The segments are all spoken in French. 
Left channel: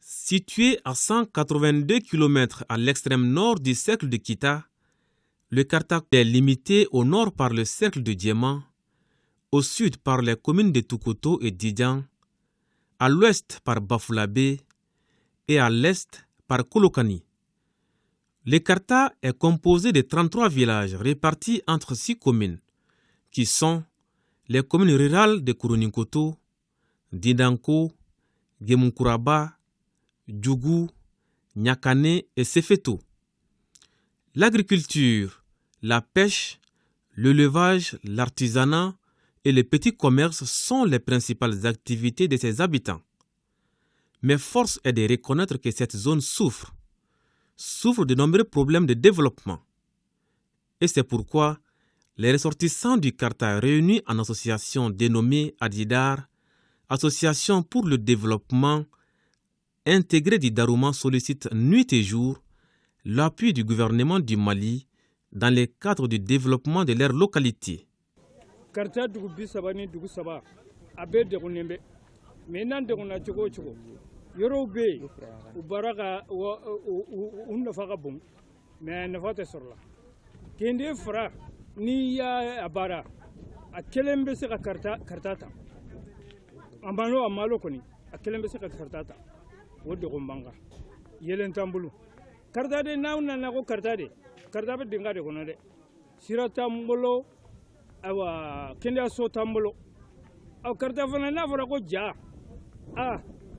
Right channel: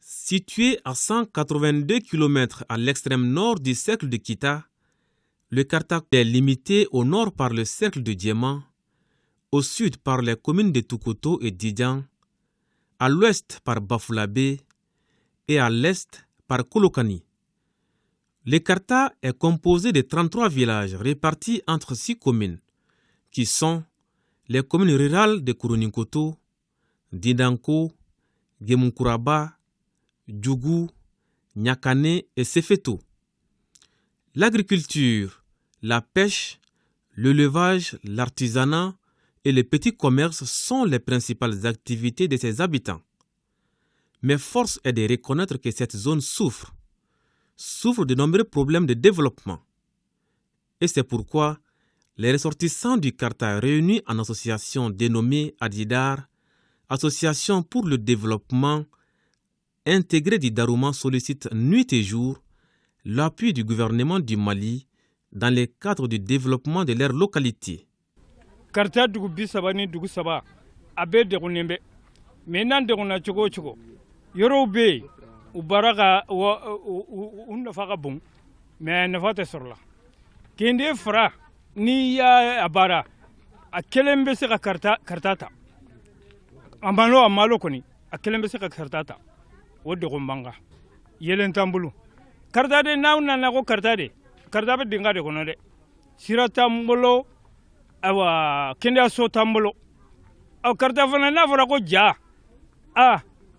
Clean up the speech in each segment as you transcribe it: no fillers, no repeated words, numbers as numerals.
Situé à 182 km à l'extrême nord du cercle de Kita, le Karta est limité au nord par le cercle de Diema, au sud par les communes de Tukoto et Didian, à l'ouest par Bafulabe et à l'est par Kolokani. Le Karta est composé de 33 villages répartis entre 6 communes, qui sont les communes rurales de Kuruninkoto, Dindanko, Gemunkuraba, Djougou, Nyakane et Sefeto. L'agriculture, la pêche, l'élevage, l'artisanat et les petits commerces sont les principales activités de ses habitants. Mais force est de reconnaître que cette zone souffre de nombreux problèmes de développement. Et c'est pourquoi les ressortissants du Karta réunis en association dénommée Adidar, Association pour le développement intégré du Darouma, sollicitent nuit et jour l'appui du gouvernement du Mali dans le cadre du développement de leur localité. Karta dugu bisaba ni dugu saba abe de kunembe menan de kuna chogo chogo yoro be ubaraga unda faga bon mais na fata sorla kende fra ni ya abara a kelembe se ka kartata amalo koni a kelembe se ka kartata wode ko mbanga yelen tambulu karta de nawna na ko karta be dinga de kono de sirata mbolo awa kende so tambolo aw karta fana na fara ko ja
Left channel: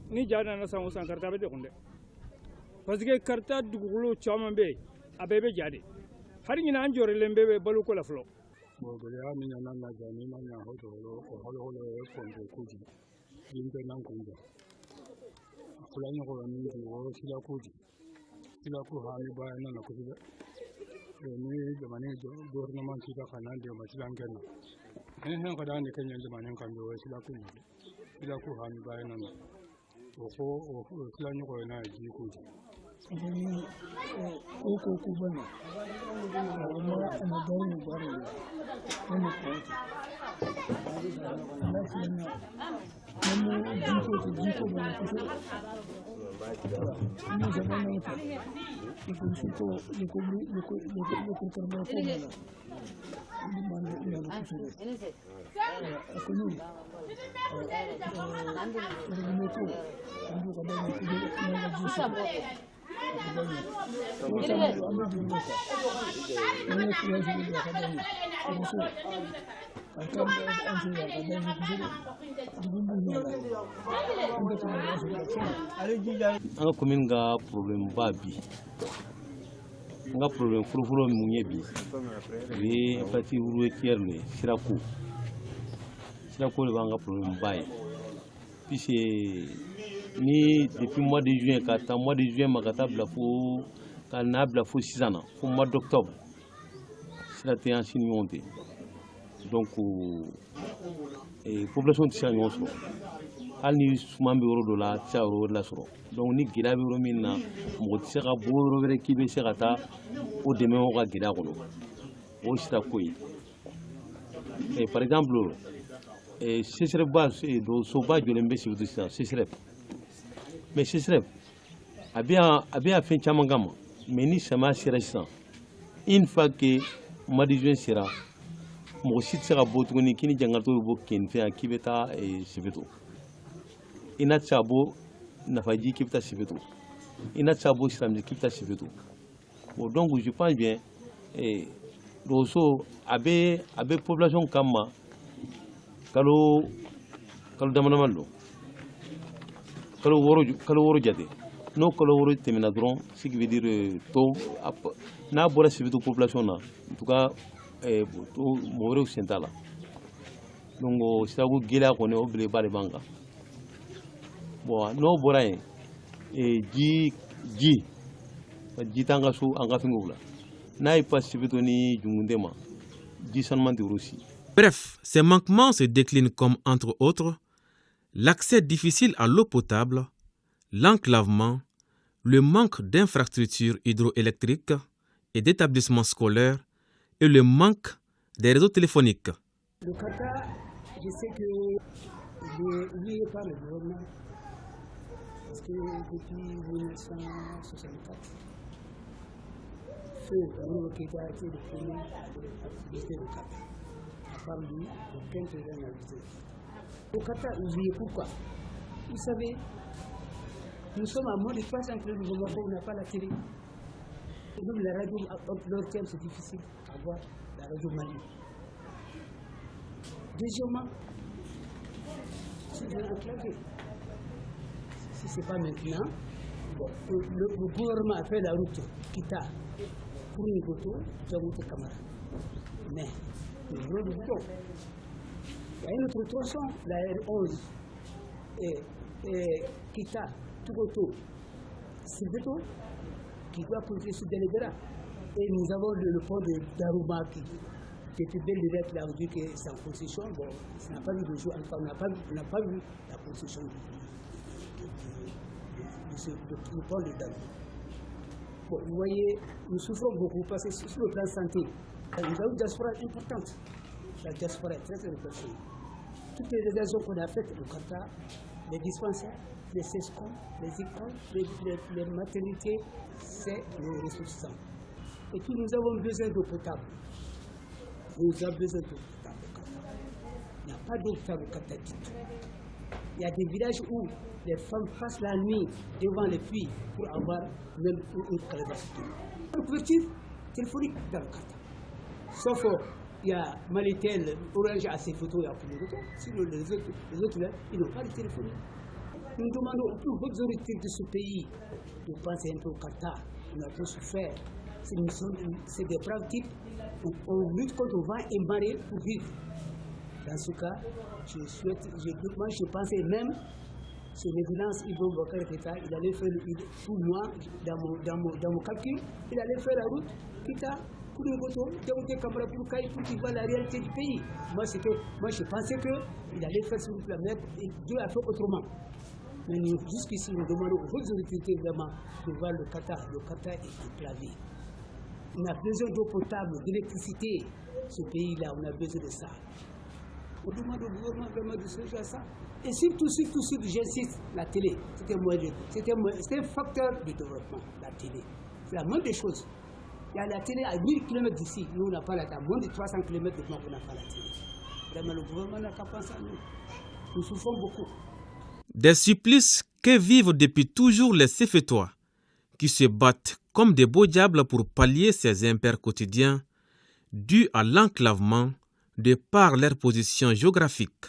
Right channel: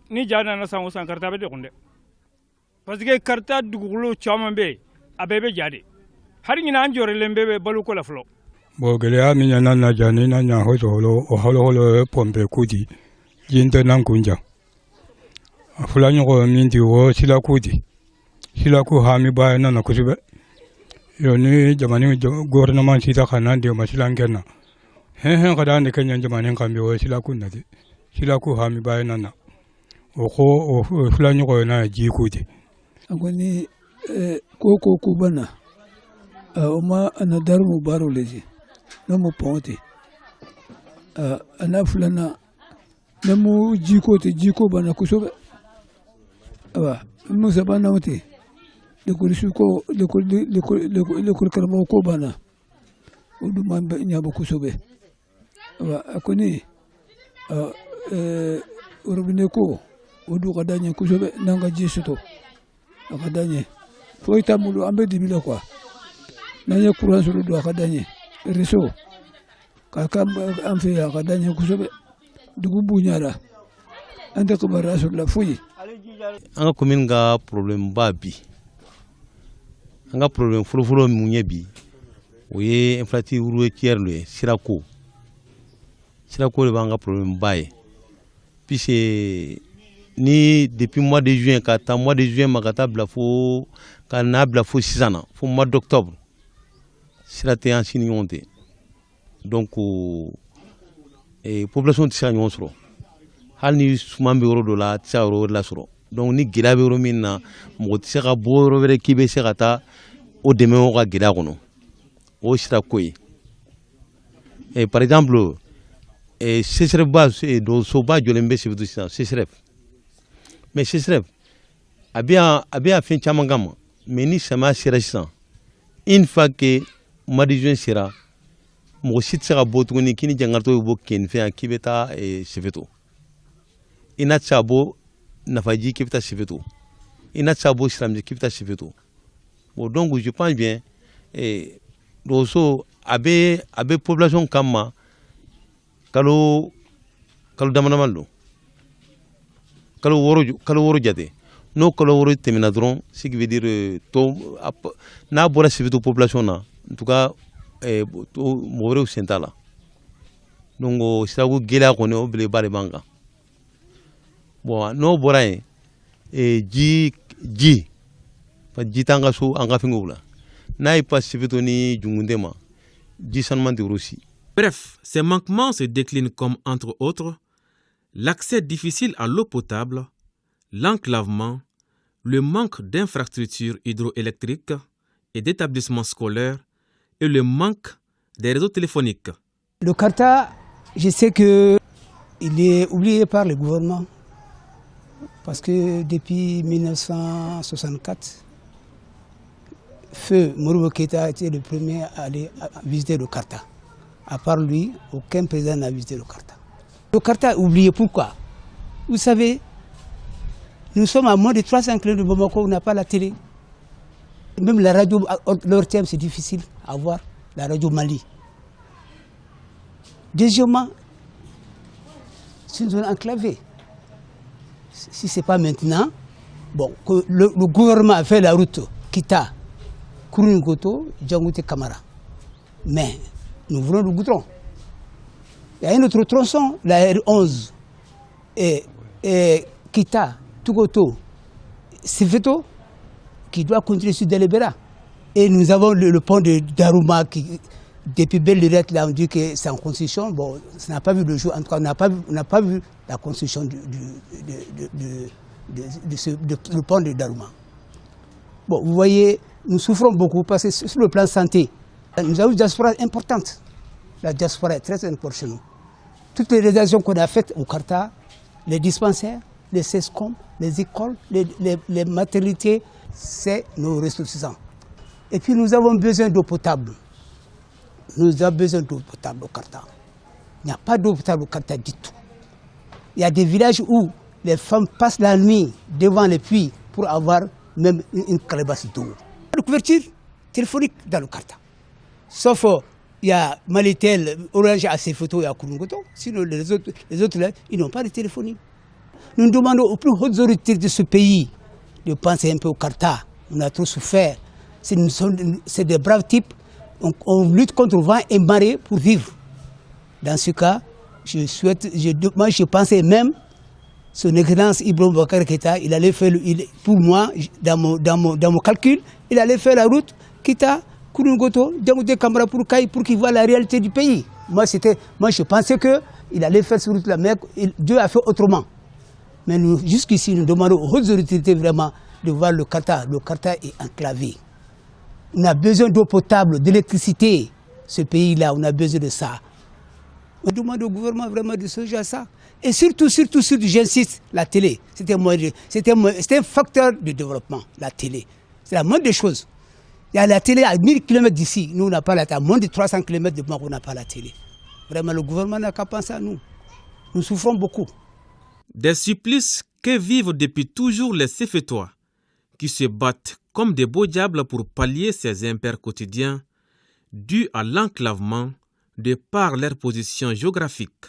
ni ja na sango san karta be de konde parce que karta dugulo chama be abebe jade har ngina anjore lembe be balu ko la flo bo gele mi nyana na jani na nya ho jolo o holo pompe kudi yinde nan kunja afula nyogo mindi wo sila ku ha mi ba na kusibe yo ni jamani gouvernement sita kana de masilan kenna hen kada ne kenya jamani kambe wo sila ku nadi sila ku ha mi ba na o ko o fula nyogo na ji kudi agoni koko kubana oma anadar mubaro lezi no mo ponte ana fulana namo jiko bana kusobe musa bana wote de kurisuko de kurkarmo ko bana odu mambe nyaba kusobe akoni urubine ko odu kadanye kusobe nanga jisuto akadanye foi tamulu ambe dibilo kwa nanya kuransu do akadanye reso kaka amfe akadanye kusobe dugu bunyara anda ko barasu la fuyi anga commune ga problème babi anga problème fulu munye bi oye infrastructure routière sirako le banga problème baye puisque ni depuis mois de juin kata mois de juin makata blafo kana blafo 6 ans fo mois d'octobre sirate en signonté donc population tisa ñoo soro hal ni suman be yoro do la tisa yoro la soro donc ni gida be yoro min na mo tisa ka bo yoro were kibe se kata o deme o ka gida kono o sira koy et par exemple sesrep base do so ba jolembe se futu sa sesrep mais sesrep abia fin chama gam mais ni sama sira sa une fois que madijun sira mo sit sera botuni kini jangarto bo ken fe akibeta sefeto ina chabo nafaji kibeta sefeto ina chabo islamji kibeta sefeto bon donc je pense bien doso abe population kama kalo damanamallo kalo woro jate no kalo woro temina dron ce qui veut dire to na bora sefeto population na en tout cas mowrew sentala donc siragu gela ko ne obile bare banga bon no boraye ji pa jitanga so anga fingula nay pas sivito ni jungundema ji sanman de Russie. Bref, ces manquements se déclinent comme, entre autres, l'accès difficile à l'eau potable, l'enclavement, le manque d'infrastructures hydroélectriques et d'établissements scolaires et le manque des réseaux téléphoniques. Le Karta, je sais qu'il est oublié par le gouvernement. Parce que depuis 1964, Feu Modibo Keïta était le premier à aller visiter le Karta. À part lui, aucun président n'a visité le Karta. Le Karta est oublié, pourquoi? Vous savez, nous sommes à moins de 300 km de Bamako, on n'a pas la télé. Même la radio, leur thème, c'est difficile à voir, la radio Mali. Deuxièmement, c'est une zone enclavée. Si ce n'est pas maintenant, bon, que le gouvernement a fait la route Kita, Kourouningoto, Djangote Kamara. Mais nous voulons le goudron. Il y a un autre tronçon, la R11, et Kita, Tougoto, Sifeto, qui doit continuer sur Delebera. Et nous avons le pont de Darouma qui, depuis belle lurette, là, on dit que c'est en construction. Bon, ça n'a pas vu le jour. En tout cas, on n'a pas vu la construction du pont de Darouma. Bon, vous voyez, nous souffrons beaucoup parce que sur le plan santé, nous avons une diaspora importante. La diaspora est très importante chez nous. Toutes les réalisations qu'on a faites au Karta, les dispensaires, les CESCOM, les écoles, les maternités, c'est nos ressources. Et puis nous avons besoin d'eau potable. Nous avons besoin d'eau potable au Karta. Il n'y a pas d'eau potable au Karta du tout. Il y a des villages où les femmes passent la nuit devant les puits pour avoir même une calebasse d'eau. La couverture téléphonique dans le Karta. Sauf il y a Malitel, Orange a ses photos et à Kourouningoto. Sinon les autres là, ils n'ont pas de téléphonie. Nous demandons aux plus hautes autorités de ce pays de penser un peu au Karta. On a trop souffert. C'est des braves types. On lutte contre le vent et marée pour vivre. Dans ce cas, je pensais même, son excellence Ibrahim Boubacar Keïta, il allait faire, pour moi, dans mon calcul, il allait faire la route Kita, Kourouningoto, Djangote Kamara pour qu'il voit la réalité du pays. Moi, je pensais qu'il allait faire cette route-là, mais Dieu a fait autrement. Mais nous, jusqu'ici, nous demandons aux hautes autorités vraiment de voir le Karta. Le Karta est enclavé. On a besoin d'eau potable, d'électricité. Ce pays-là, on a besoin de ça. On demande au gouvernement vraiment de songer à ça. Et surtout, j'insiste, la télé. C'était un facteur de développement, la télé. C'est la moindre des choses. Il y a la télé à 1000 km d'ici. Nous, on n'a pas la télé. À moins de 300 km de Bamako, on n'a pas la télé. Vraiment, le gouvernement n'a qu'à penser à nous. Nous souffrons beaucoup. Des supplices que vivent depuis toujours les Sefetois, qui se battent comme des beaux diables pour pallier ces impairs quotidiens dus à l'enclavement de par leur position géographique.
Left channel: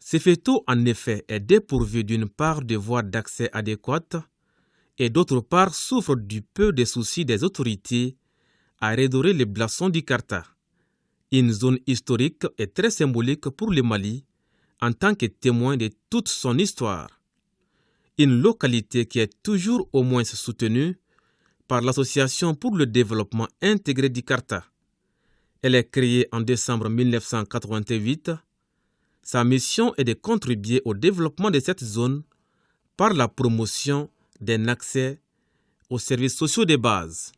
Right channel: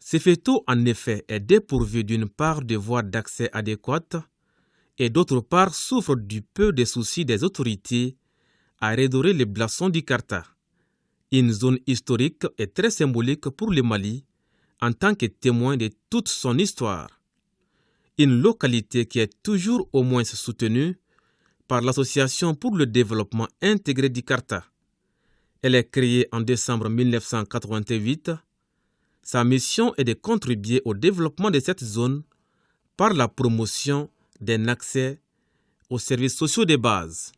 Sefeto, en effet, est dépourvu d'une part de voies d'accès adéquates et d'autre part souffre du peu de soucis des autorités à redorer les blasons du Karta, une zone historique et très symbolique pour le Mali en tant que témoin de toute son histoire. Une localité qui est toujours au moins soutenue par l'Association pour le développement intégré du Karta. Elle est créée en décembre 1988. Sa mission est de contribuer au développement de cette zone par la promotion d'un accès aux services sociaux de base.